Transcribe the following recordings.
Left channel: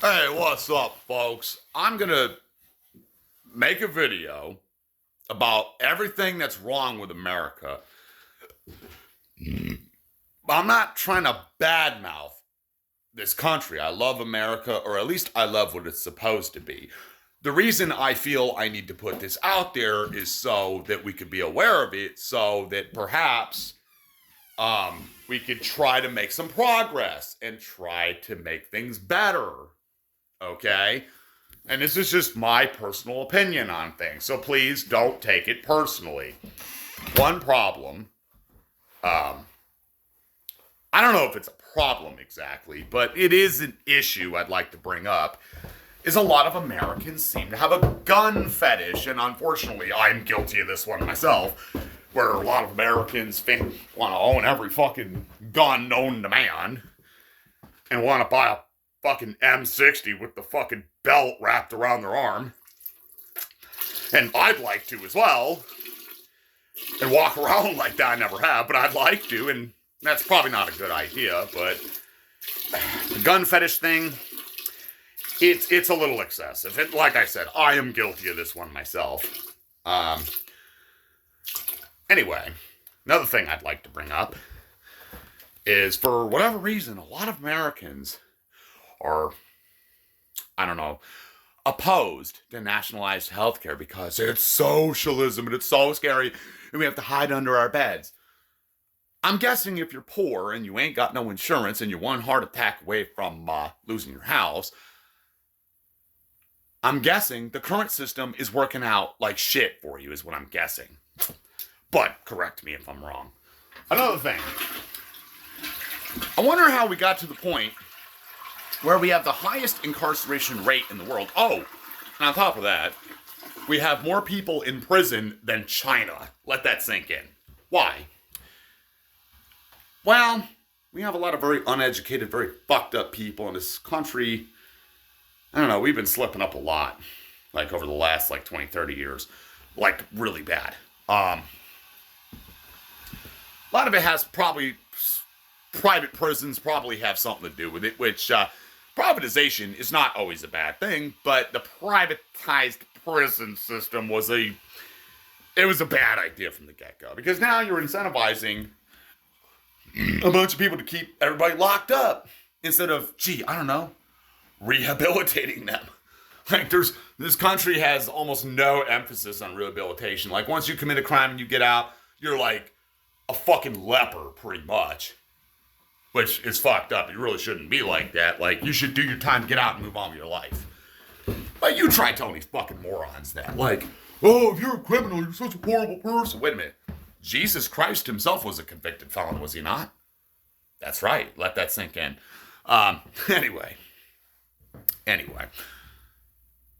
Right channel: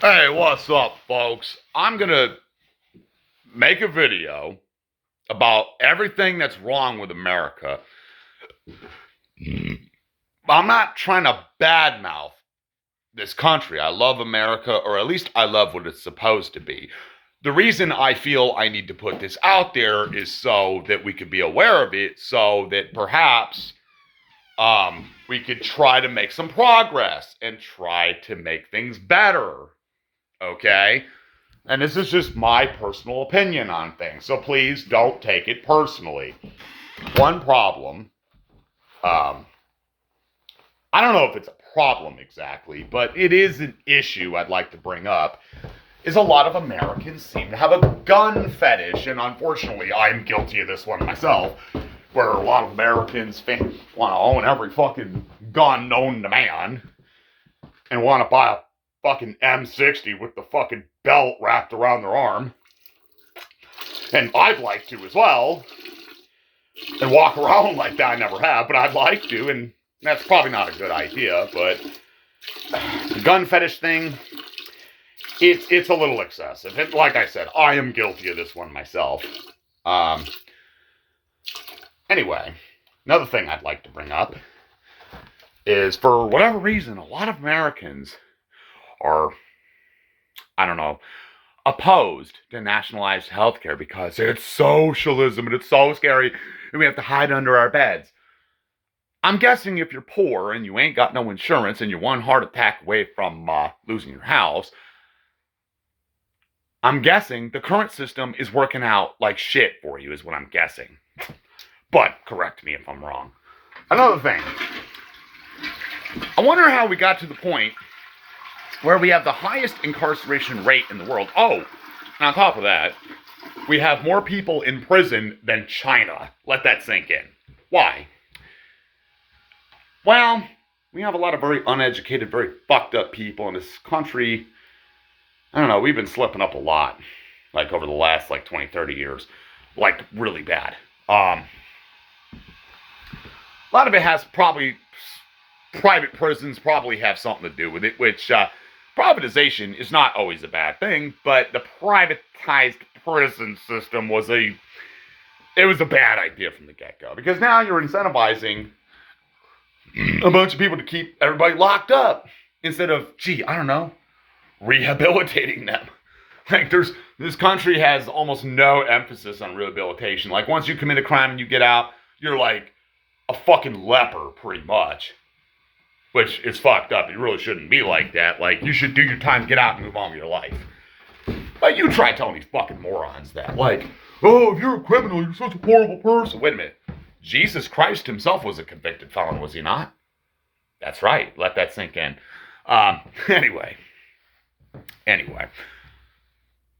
Hey, what's up, folks? I'm gonna make a video about everything that's wrong with America. I'm not trying to badmouth this country. I love America, or at least I love what it's supposed to be. The reason I feel I need to put this out there is so that we could be aware of it, so that perhaps we could try to make some progress and try to make things better. Okay? And this is just my personal opinion on things. So please don't take it personally. One problem, I don't know if it's a problem exactly, but it is an issue I'd like to bring up, is a lot of Americans seem to have a gun fetish. And unfortunately, I'm guilty of this one myself, where a lot of Americans want to own every fucking gun known to man and want to buy a fucking M60 with the fucking belt wrapped around their arm. And I'd like to as well. And walk around like that. I never have, but I'd like to. And that's probably not a good idea. But the gun fetish thing, it's a little excessive. And like I said, I am guilty of this one myself. Anyway, another thing I'd like to bring up is, for whatever reason, a lot of Americans are, I don't know, opposed to nationalized healthcare because it's socialism and it's so scary and we have to hide under our beds. I'm guessing if you're poor and you ain't got no insurance and you're one heart attack away from losing your house, I'm guessing the current system is working out like shit for you, is what I'm guessing. But correct me if I'm wrong. Another thing, I wonder how we got to the point where we have the highest incarceration rate in the world. Oh, and on top of that, we have more people in prison than China. Let that sink in. Why? Well, we have a lot of very uneducated, very fucked up people in this country. I don't know, we've been slipping up a lot, like over the last 20, 30 years. Like, really bad. A lot of it has probably, private prisons probably have something to do with it, which, privatization is not always a bad thing, but the privatized prison system was a bad idea from the get-go, because now you're incentivizing a bunch of people to keep everybody locked up instead of, I don't know, rehabilitating them. Like, this country has almost no emphasis on rehabilitation. Like, once you commit a crime and you get out, you're like a fucking leper, pretty much. Which is fucked up. It really shouldn't be like that. Like, you should do your time, get out, and move on with your life. Like, you try telling these fucking morons that. Like, oh, if you're a criminal, you're such a horrible person. Wait a minute. Jesus Christ himself was a convicted felon, was he not? That's right. Let that sink in. Anyway.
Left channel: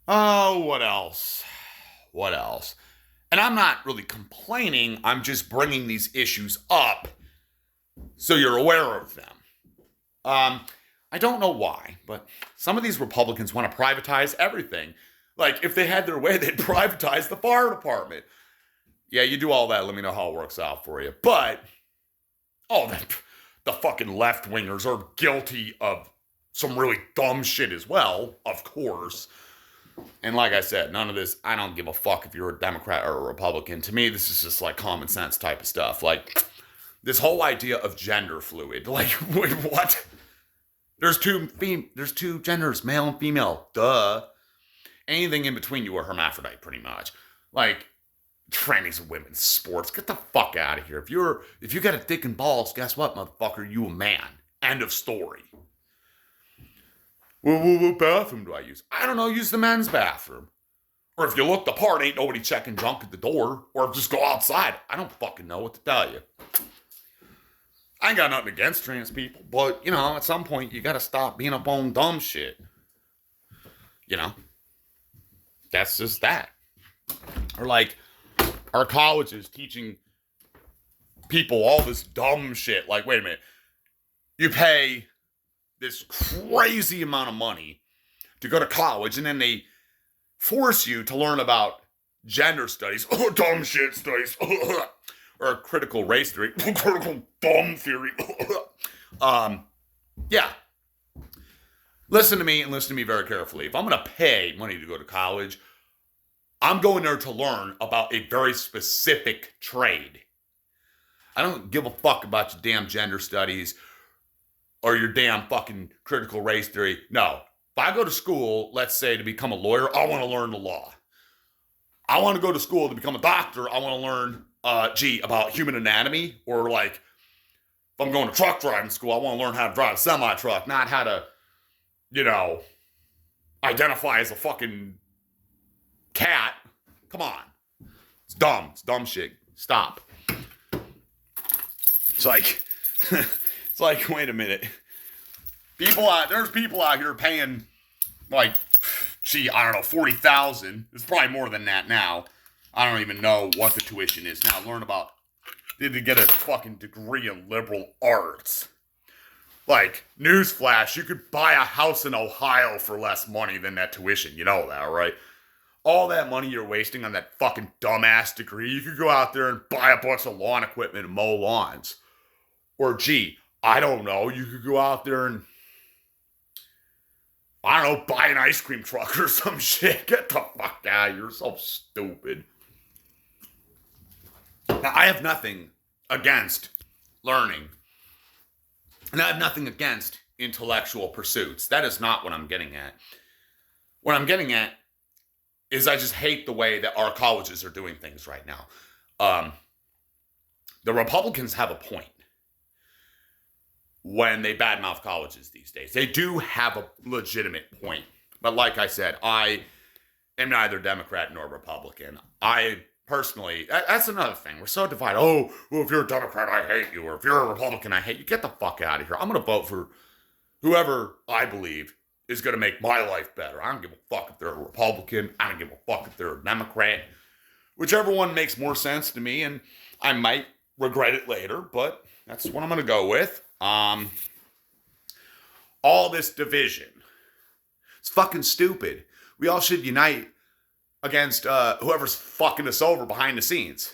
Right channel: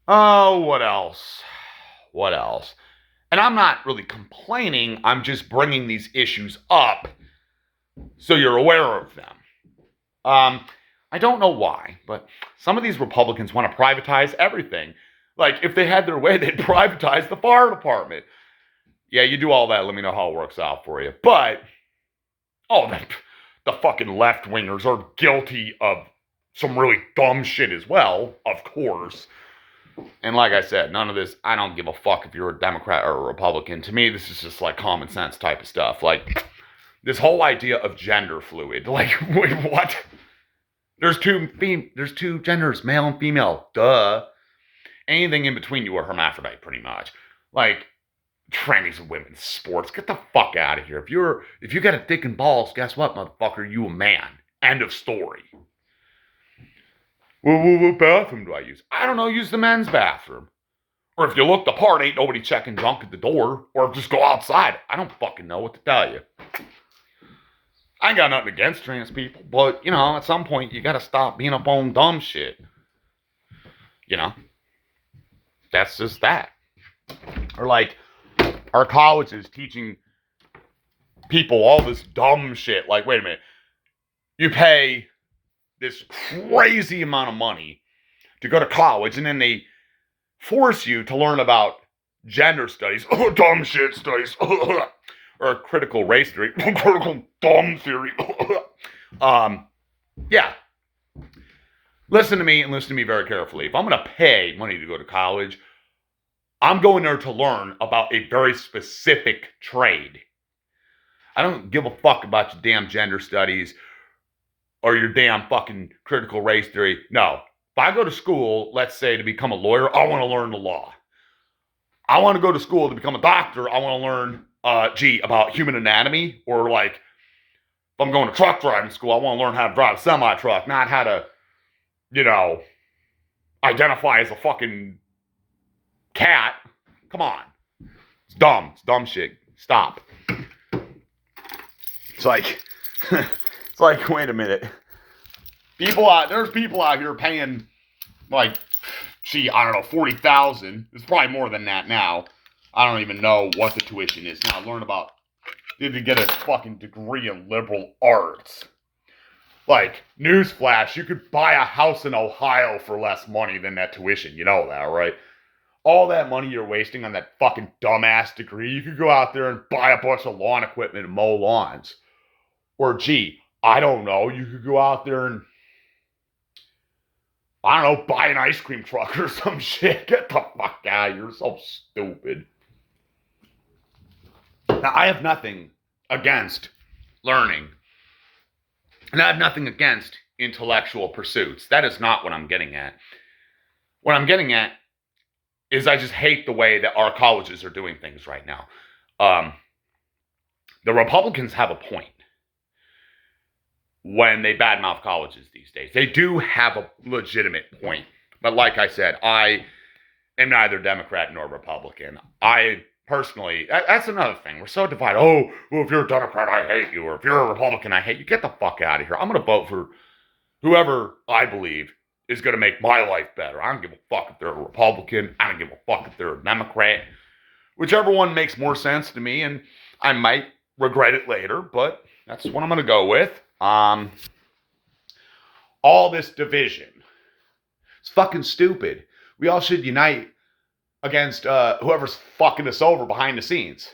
Oh, what else? And I'm not really complaining. I'm just bringing these issues up so you're aware of them. I don't know why, but some of these Republicans want to privatize everything. Like, if they had their way, they'd privatize the fire department. Yeah, you do all that, let me know how it works out for you. But, the fucking left-wingers are guilty of some really dumb shit as well, of course. And like I said, none of this, I don't give a fuck if you're a Democrat or a Republican. To me, this is just like common sense type of stuff. Like, this whole idea of gender fluid. Like, wait, what? There's two genders, male and female. Duh. Anything in between, you are hermaphrodite, pretty much. Like, trannies and women's sports. Get the fuck out of here. If you got a dick and balls, guess what, motherfucker? You a man. End of story. Well, what bathroom do I use? I don't know. Use the men's bathroom. Or if you look the part, ain't nobody checking junk at the door. Or just go outside. I don't fucking know what to tell you. I ain't got nothing against trans people, but, at some point, you gotta stop being up on dumb shit. That's just that. Or, like, our colleges teaching people all this dumb shit. Like, wait a minute. You pay this crazy amount of money to go to college, and then they force you to learn about gender studies. Oh, dumb shit studies. Or critical race theory. Critical dumb theory. Yeah. Listen to me and listen to me very carefully. If I'm going to pay money to go to college, I'm going there to learn about a very specific trade. I don't give a fuck about your damn gender studies or your damn fucking critical race theory. No. If I go to school, let's say to become a lawyer, I want to learn the law. I want to go to school to become a doctor. I want to learn, about human anatomy. Or like, if I'm going to truck driving school, I want to learn how to drive a semi-truck, not how to, identify as a fucking cat. Come on. It's dumb. It's dumb shit. Stop. It's like, wait a minute. There's people out here paying, like, I don't know, $40,000. It's probably more than that now. I don't even know what the tuition is now. Learn about, to get a fucking degree in liberal arts. Like, newsflash, you could buy a house in Ohio for less money than that tuition. You know that, right? All that money you're wasting on that fucking dumbass degree, you could go out there and buy a bunch of lawn equipment and mow lawns. Or, I don't know, you could go out there and, I don't know, buy an ice cream truck or some shit. Get the fuck out. You're so stupid. Now, I have nothing against learning. And I have nothing against intellectual pursuits. That is not what I'm getting at. What I'm getting at is I just hate the way that our colleges are doing things right now. The Republicans have a point when they badmouth colleges these days. They do have a legitimate point. But like I said, I am neither Democrat nor Republican. I personally, that's another thing. We're so divided. Oh, well, if you're a Democrat, I hate you. Or if you're a Republican, I hate you. Get the fuck out of here. I'm going to vote for whoever I believe is going to make my life better. I don't give a fuck if they're a Republican. I don't give a fuck if they're a Democrat. Whichever one makes more sense to me, and I might regret it later, but that's what I'm going to go with. All this division. It's fucking stupid. We all should unite against whoever's fucking us over behind the scenes.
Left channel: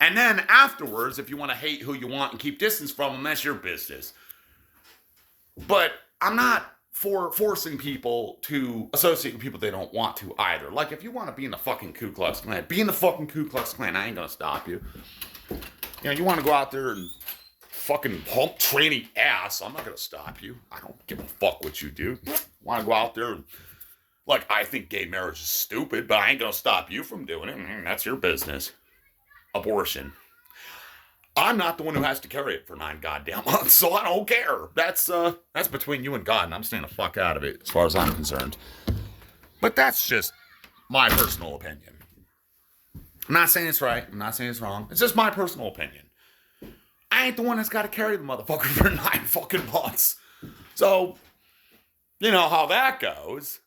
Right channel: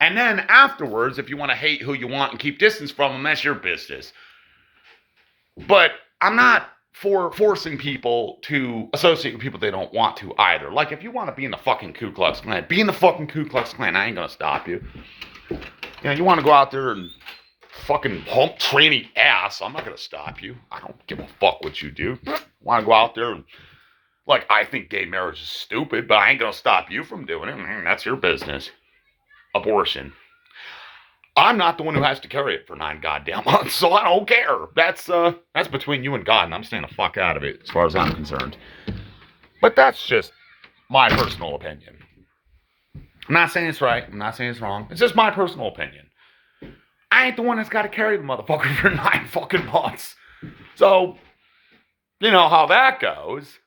And then afterwards, if you want to hate who you want and keep distance from them, that's your business. But I'm not for forcing people to associate with people they don't want to either. Like, if you want to be in the fucking Ku Klux Klan, be in the fucking Ku Klux Klan. I ain't gonna stop you. You want to go out there and fucking hump tranny ass, I'm not gonna stop you. I don't give a fuck what you do. Want to go out there and, like, I think gay marriage is stupid, but I ain't gonna stop you from doing it. That's your business. Abortion. I'm not the one who has to carry it for 9 goddamn months, so I don't care. That's between you and God, and I'm staying the fuck out of it as far as I'm concerned. But that's just my personal opinion. I'm not saying it's right. I'm not saying it's wrong. It's just my personal opinion. I ain't the one that's got to carry the motherfucker for 9 fucking months. So, you know how that goes.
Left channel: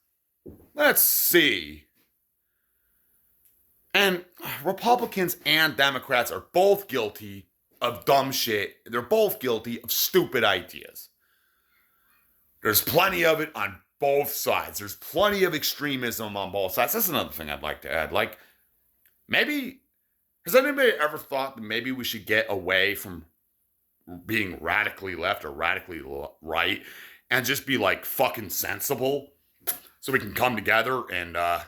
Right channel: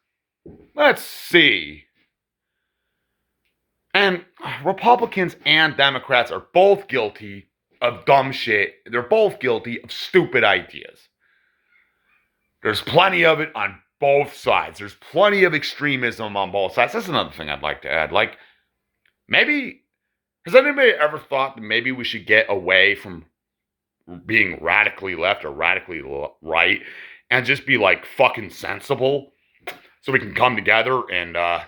Let's see. And Republicans and Democrats are both guilty of dumb shit. They're both guilty of stupid ideas. There's plenty of it on both sides. There's plenty of extremism on both sides. That's another thing I'd like to add. Like, maybe, has anybody ever thought that maybe we should get away from being radically left or radically right and just be like fucking sensible so we can come together and, I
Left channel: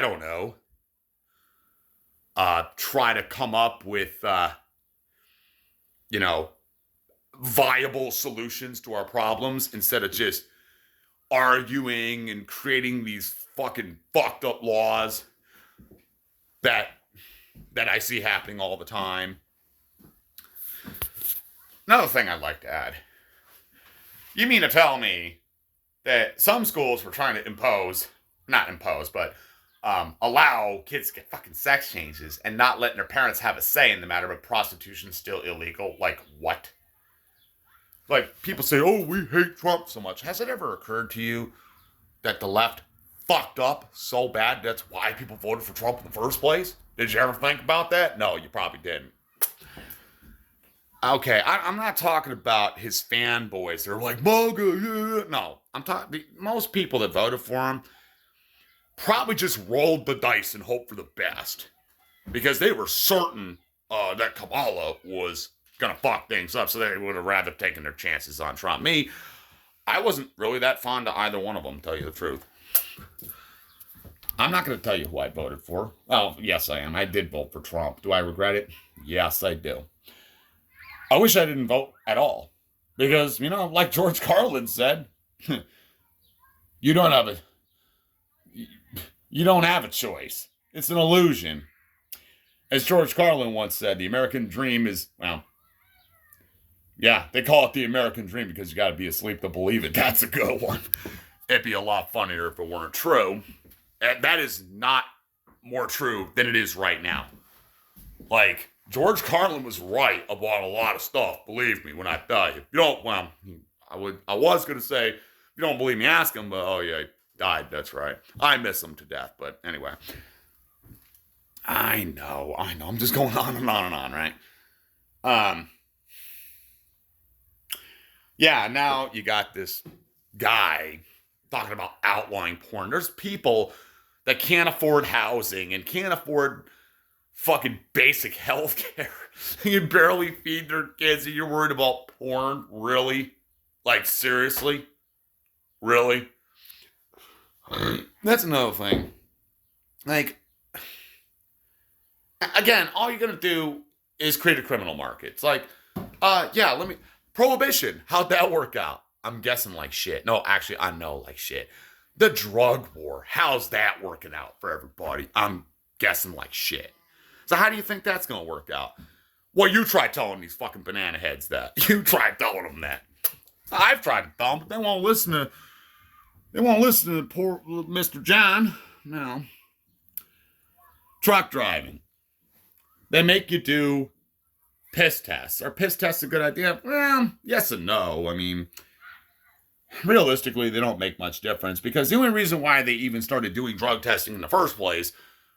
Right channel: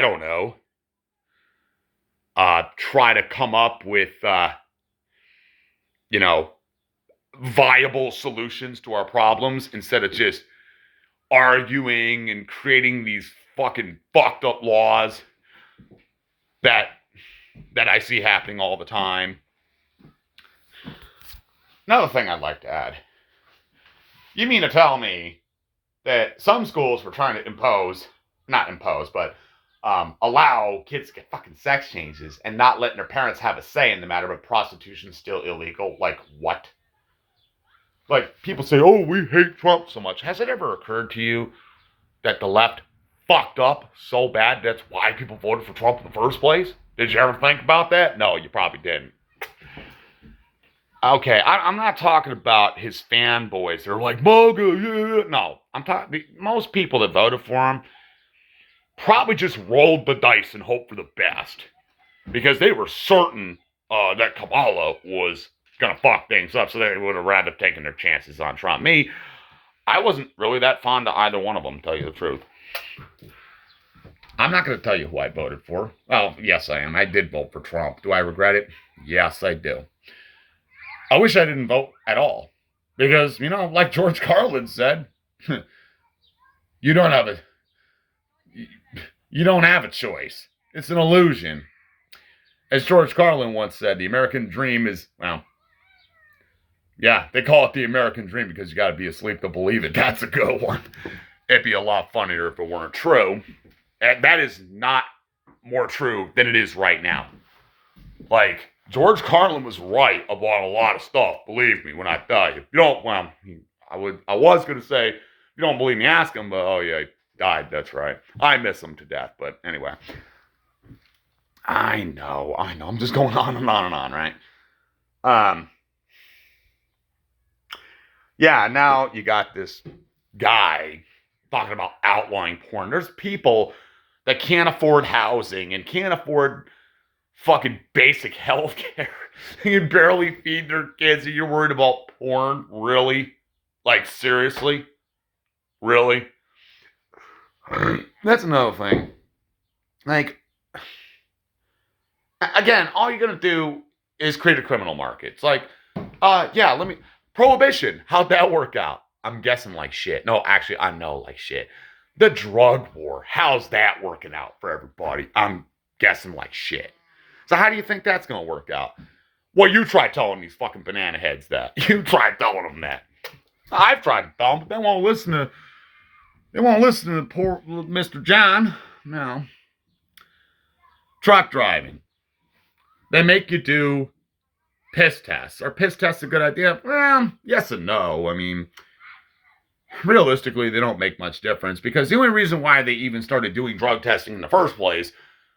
don't know, try to come up with, viable solutions to our problems instead of just arguing and creating these fucking fucked up laws that I see happening all the time. Another thing I'd like to add. You mean to tell me that some schools were trying to allow kids to get fucking sex changes and not letting their parents have a say in the matter, but prostitution's still illegal? Like, what? Like, people say, oh, we hate Trump so much. Has it ever occurred to you that the left fucked up so bad that's why people voted for Trump in the first place? Did you ever think about that? No, you probably didn't. Okay, I'm not talking about his fanboys. They're like, MAGA, yeah. No, I'm talking, most people that voted for him probably just rolled the dice and hoped for the best. Because they were certain that Kamala was going to fuck things up, so they would have rather taken their chances on Trump. Me, I wasn't really that fond of either one of them, to tell you the truth. I'm not going to tell you who I voted for. Well, yes, I am. I did vote for Trump. Do I regret it? Yes, I do. I wish I didn't vote at all. Because, like George Carlin said, you don't have a you don't have a choice. It's an illusion. As George Carlin once said, the American dream is, well, yeah, they call it the American dream because you got to be asleep to believe it. That's a good one. It'd be a lot funnier if it weren't true. And that is not more true than it is right now. Like, George Carlin was right about a lot of stuff, believe me, when I tell you. If you don't, well, I was going to say, if you don't believe me, ask him, but oh yeah, he died, that's right. I miss him to death, but anyway. I know, I'm just going on and on and on, right? Yeah, now you got this guy talking about outlawing porn. There's people that can't afford housing and can't afford fucking basic health care. You can barely feed their kids and you're worried about porn? Really? Like, seriously? Really? That's another thing. Like, again, all you're gonna do is create a criminal market. It's like, Prohibition, how'd that work out? I'm guessing like shit. No, actually, I know like shit. The drug war, how's that working out for everybody? I'm guessing like shit. So how do you think that's gonna work out? Well, you try telling these fucking banana heads that. You try telling them that. I've tried to tell them, but they won't listen to poor Mr. John. No. Truck driving. They make you do piss tests. Are piss tests a good idea? Well, yes and no. I mean, realistically, they don't make much difference because the only reason why they even started doing drug testing in the first place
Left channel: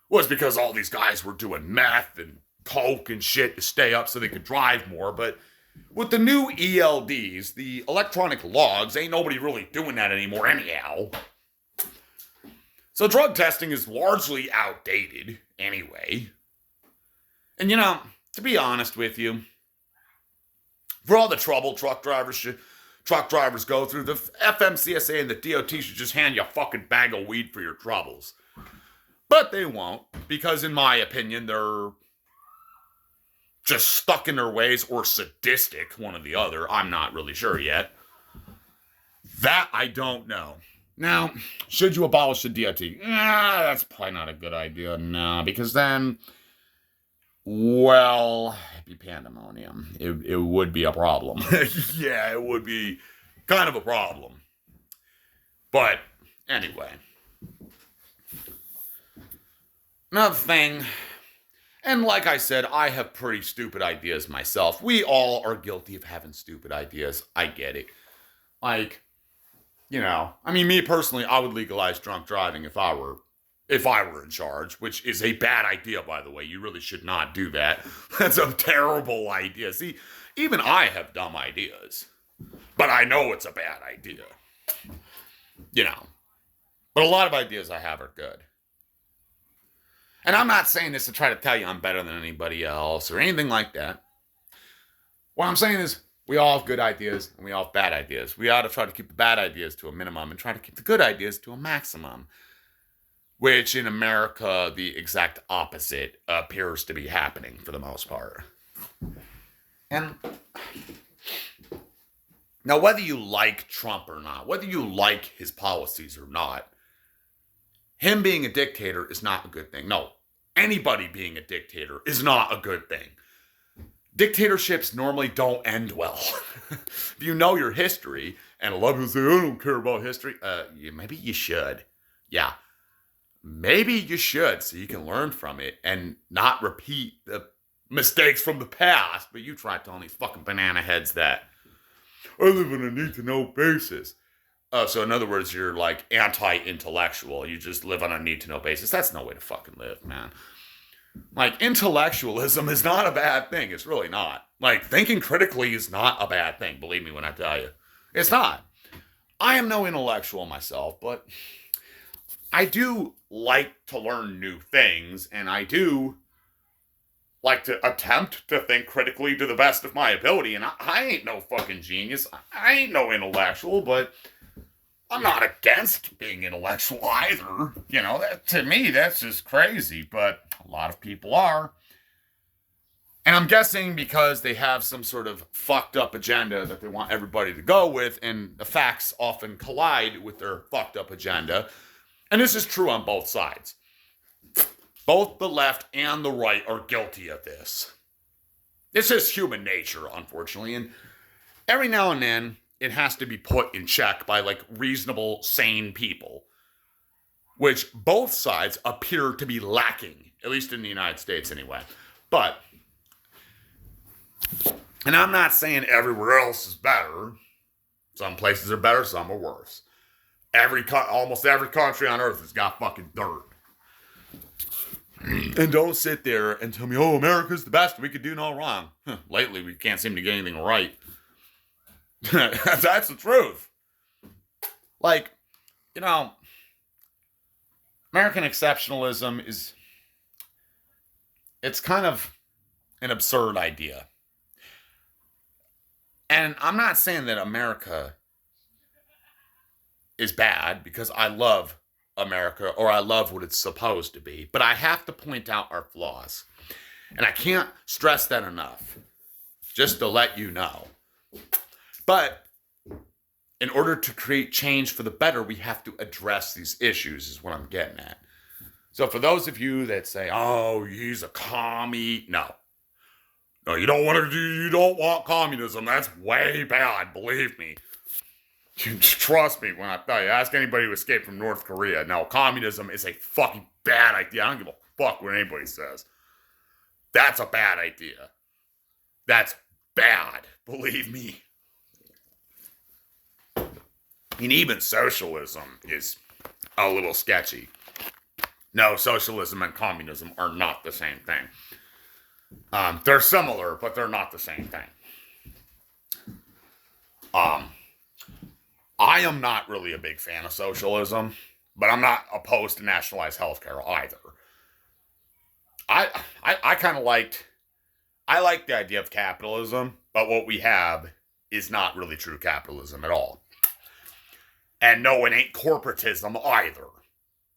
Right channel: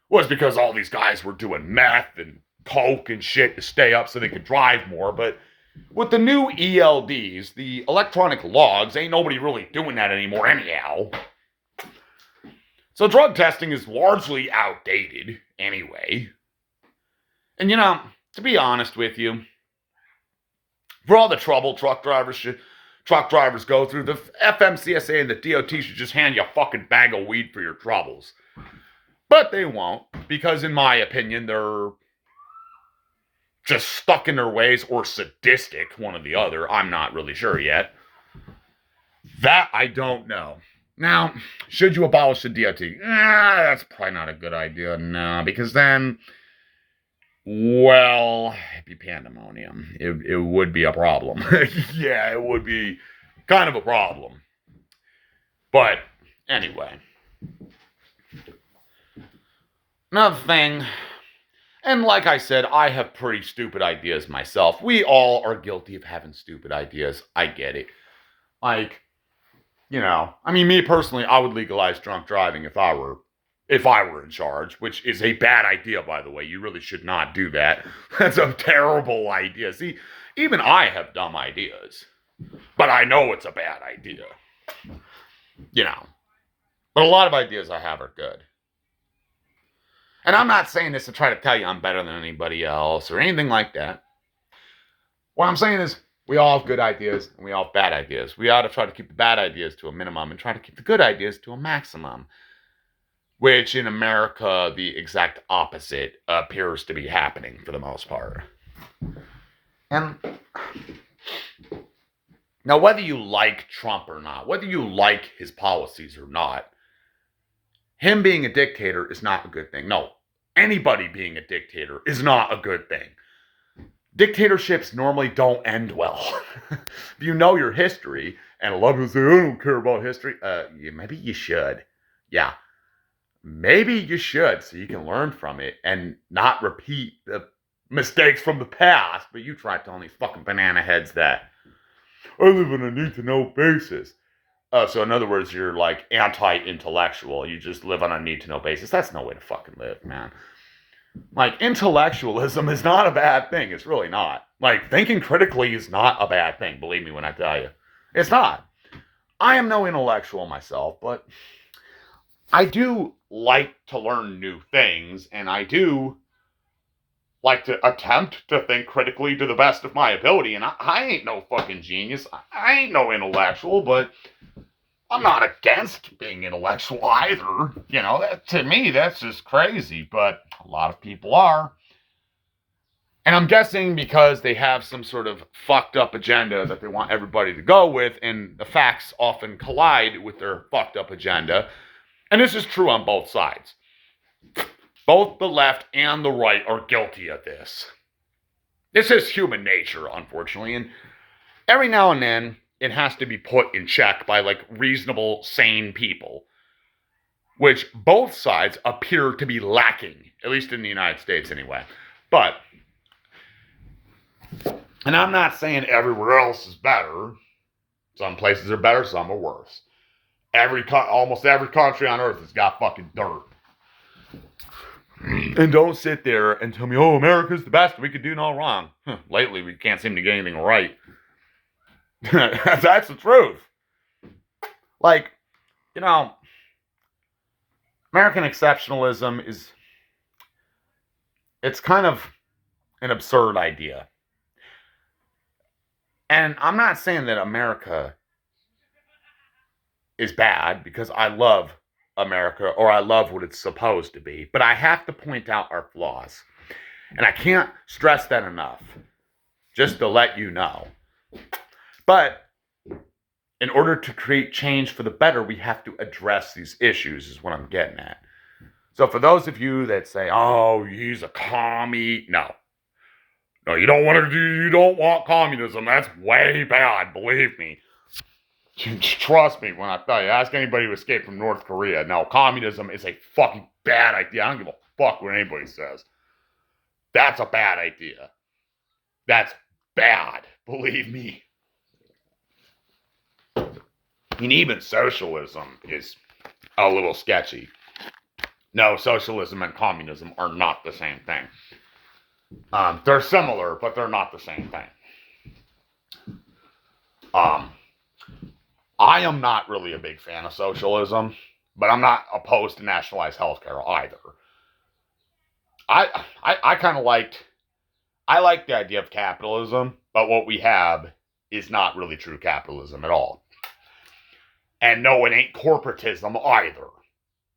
was because all these guys were doing meth and coke and shit to stay up so they could drive more. But with the new ELDs, the electronic logs, ain't nobody really doing that anymore anyhow. So drug testing is largely outdated anyway. And to be honest with you, for all the trouble truck drivers go through, the FMCSA and the DOT should just hand you a fucking bag of weed for your troubles. But they won't, because in my opinion, they're just stuck in their ways or sadistic, one or the other. I'm not really sure yet. That I don't know. Now, should you abolish the DOT? That's probably not a good idea, no, because then, well, it'd be pandemonium. It would be a problem. Yeah, it would be kind of a problem. But anyway. Another thing, and like I said, I have pretty stupid ideas myself. We all are guilty of having stupid ideas. I get it. Like, me personally, I would legalize drunk driving if I were in charge, which is a bad idea, by the way. You really should not do that. That's a terrible idea. See, even I have dumb ideas, but I know it's a bad idea. But a lot of ideas I have are good. And I'm not saying this to try to tell you I'm better than anybody else or anything like that. What I'm saying is we all have good ideas and we all have bad ideas. We ought to try to keep the bad ideas to a minimum and try to keep the good ideas to a maximum. Which in America, the exact opposite appears to be happening for the most part. And now, whether you like Trump or not, whether you like his policies or not, him being a dictator is not a good thing. No, anybody being a dictator is not a good thing. Dictatorships normally don't end well. If you know your history, and a lot of people say, I don't care about history, maybe you should. Yeah. Maybe you should, so you can learn from it and not repeat the mistakes from the past. But you try telling these fucking banana heads that I live on a need-to-know basis. So in other words, you're like anti-intellectual. You just live on a need-to-know basis. That's no way to fucking live, man. Like, intellectualism is not a bad thing. It's really not. Like, thinking critically is not a bad thing. Believe me when I tell you. It's not. I am no intellectual myself, but I do like to learn new things, and I do like to attempt to think critically to the best of my ability. And I ain't no fucking genius. I ain't no intellectual, but I'm not against being intellectual either. You know, to me, that's just crazy, but a lot of people are. And I'm guessing because they have some sort of fucked up agenda that they want everybody to go with, and the facts often collide with their fucked up agenda. And this is true on both sides. Both the left and the right are guilty of this. This is human nature, unfortunately. And every now and then, it has to be put in check by like reasonable, sane people, which both sides appear to be lacking, at least in the United States anyway. But, and I'm not saying everywhere else is better. Some places are better, some are worse. Almost every country on earth has got fucking dirt. And don't sit there and tell me, oh, America's the best, we could do no wrong. Lately, we can't seem to get anything right. That's the truth. Like, you know, American exceptionalism it's kind of an absurd idea. And I'm not saying that America is bad, because I love America, or I love what it's supposed to be, but I have to point out our flaws. And I can't stress that enough, just to let you know. But in order to create change for the better, we have to address these issues, is what I'm getting at. So for those of you that say, oh, he's a commie, no, you don't want communism. That's way bad, believe me. Trust me when I tell you, ask anybody who escaped from North Korea. No, communism is a fucking bad idea. I don't give a fuck what anybody says. That's a bad idea. That's bad, believe me. And even socialism is a little sketchy. No, socialism and communism are not the same thing. They're similar, but they're not the same thing. I am not really a big fan of socialism, but I'm not opposed to nationalized healthcare either. I kind of liked the idea of capitalism, but what we have is not really true capitalism at all. And no, it ain't corporatism either.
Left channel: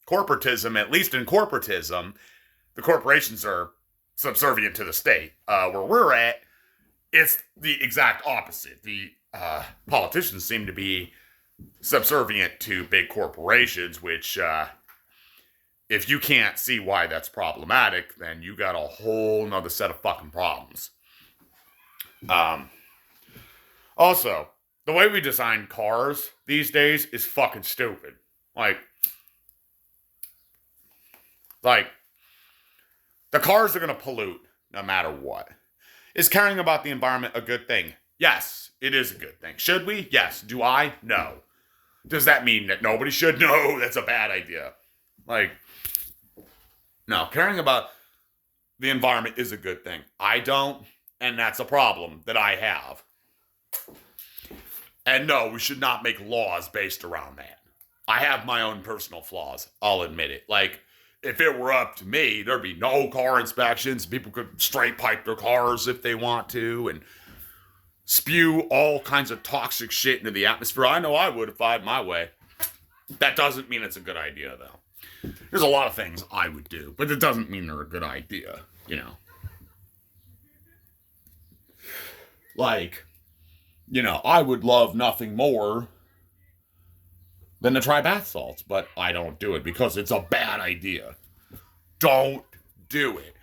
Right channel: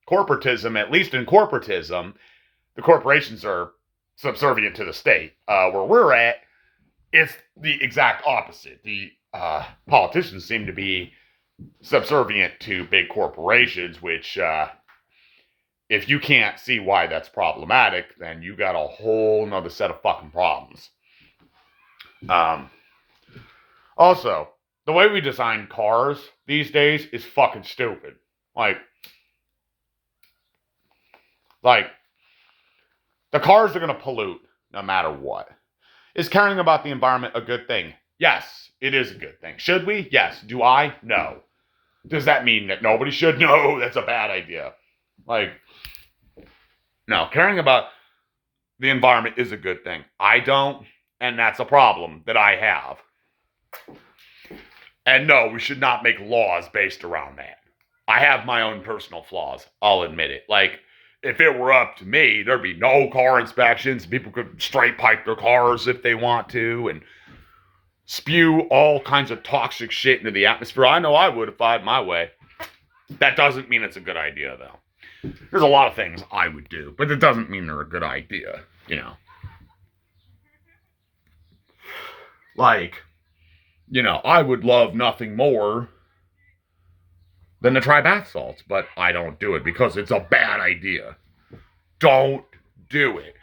Corporatism, at least in corporatism, the corporations are subservient to the state. Where we're at, it's the exact opposite. The politicians seem to be subservient to big corporations, which, if you can't see why that's problematic, then you got a whole nother set of fucking problems. Also, the way we design cars these days is fucking stupid. Like, the cars are going to pollute no matter what. Is caring about the environment a good thing? Yes, it is a good thing. Should we? Yes. Do I? No. Does that mean that nobody should? No, that's a bad idea. Like, no, caring about the environment is a good thing. I don't, and that's a problem that I have. And no, we should not make laws based around that. I have my own personal flaws, I'll admit it. Like, if it were up to me, there'd be no car inspections. People could straight pipe their cars if they want to, and spew all kinds of toxic shit into the atmosphere. I know I would if I had my way. That doesn't mean it's a good idea, though. There's a lot of things I would do, but it doesn't mean they're a good idea, you know. Like, you know, I would love nothing more than to try bath salts, but I don't do it because it's a bad idea. Don't do it.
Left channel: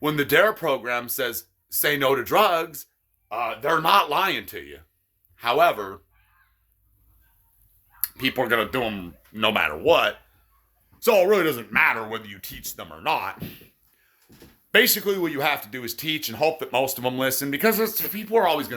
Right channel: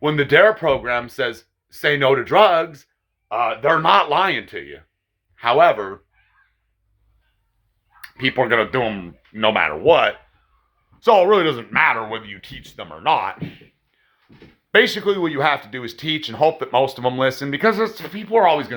When the DARE program says, say no to drugs, they're not lying to you. However, people are going to do them no matter what. So it really doesn't matter whether you teach them or not. Basically, what you have to do is teach and hope that most of them listen, because people are always going to